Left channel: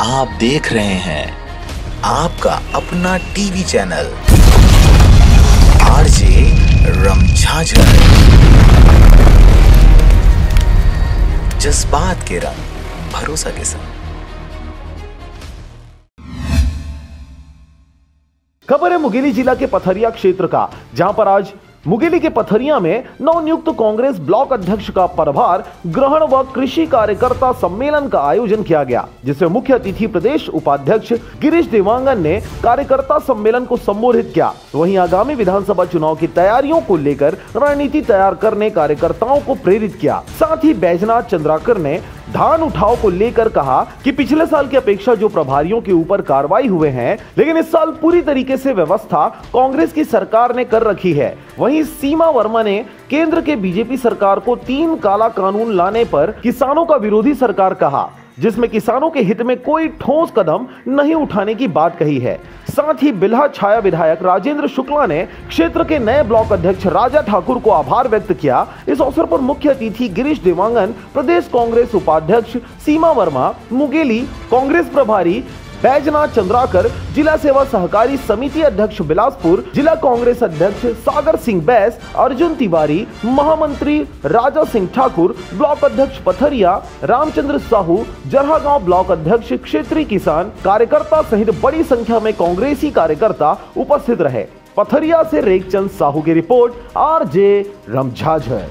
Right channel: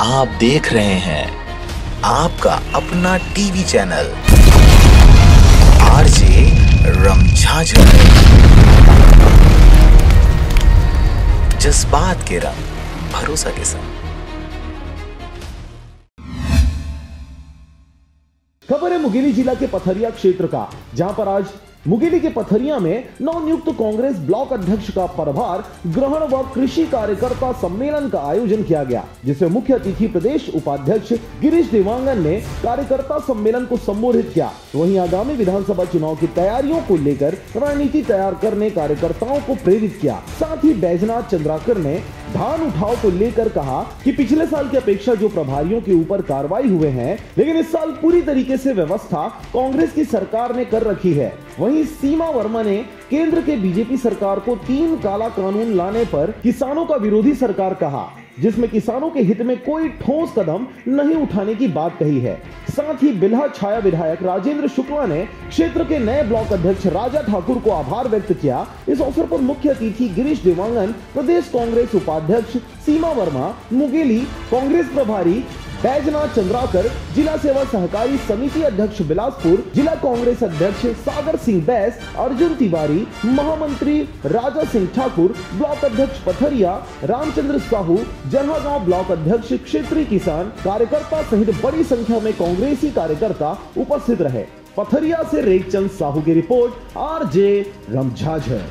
आप देख रहे हैं आपका अपना टीवी चैनल आरजे रमझाझर। जज्बात के रंग, भरोसा के संग। खबर है मुंगेली जिला के पथरिया क्षेत्र का, जहां पर आज मुंगेली के पथरिया में नवनियुक्त कांग्रेस ब्लॉक अध्यक्ष का पदभार ग्रहण व कृषि कार्यकर्ता सम्मेलन का आयोजन किया गया, जिसमें मुख्य अतिथि प्रदेश उपाध्यक्ष गिरीश देवांगन ने कार्यकर्ता सम्मेलन को संबोधित किया। वहीं आगामी विधानसभा चुनाव की तैयारियों को लेकर रणनीति तैयार करने कार्यकर्ताओं को प्रेरित किया। साथ ही बैजनाथ चंद्राकर ने धान उठाव को लेकर कहा कि पिछले साल की अपेक्षा जो प्रभारियों के ऊपर कार्रवाई हुए हैं, लेकिन इस साल पूरी तरीके से व्यवस्था कांग्रेस की सरकार ने कर रखी है। वहीं सीमा वर्मा ने केंद्र के बीजेपी सरकार को 3 काला कानून लाने पर किसानों का विरोधी सरकार कहा, जिसमें किसानों के हित में कोई ठोस कदम नहीं उठाने की बात कही है। साथ ही बिल्हा छाया विधायक राजेंद्र शुक्ला ने क्षेत्र के नए ब्लॉक अध्यक्ष राजा ठाकुर को आभार व्यक्त किया। इस अवसर पर मुख्य अतिथि गिरीश देवांगन, प्रदेश कांग्रेस उपाध्यक्ष सीमा वर्मा, मुंगेली कांग्रेस प्रभारी बैजनाथ चंद्राकर, जिला सेवा सहकारी समिति अध्यक्ष बिलासपुर, जिला कांग्रेस अध्यक्ष सागर सिंह बैस, अर्जुन तिवारी, महामंत्री राजा सिंह ठाकुर, ब्लॉक अध्यक्ष पथरिया रामचंद्र साहू, जहागांव ब्लॉक अध्यक्ष, क्षेत्रीय किसान कार्यकर्ता सहित बड़ी संख्या में कांग्रेसी कार्यकर्ता उपस्थित रहे। पथरिया से रेखचंद साहू की रिपोर्ट, आरजे रमझाझर।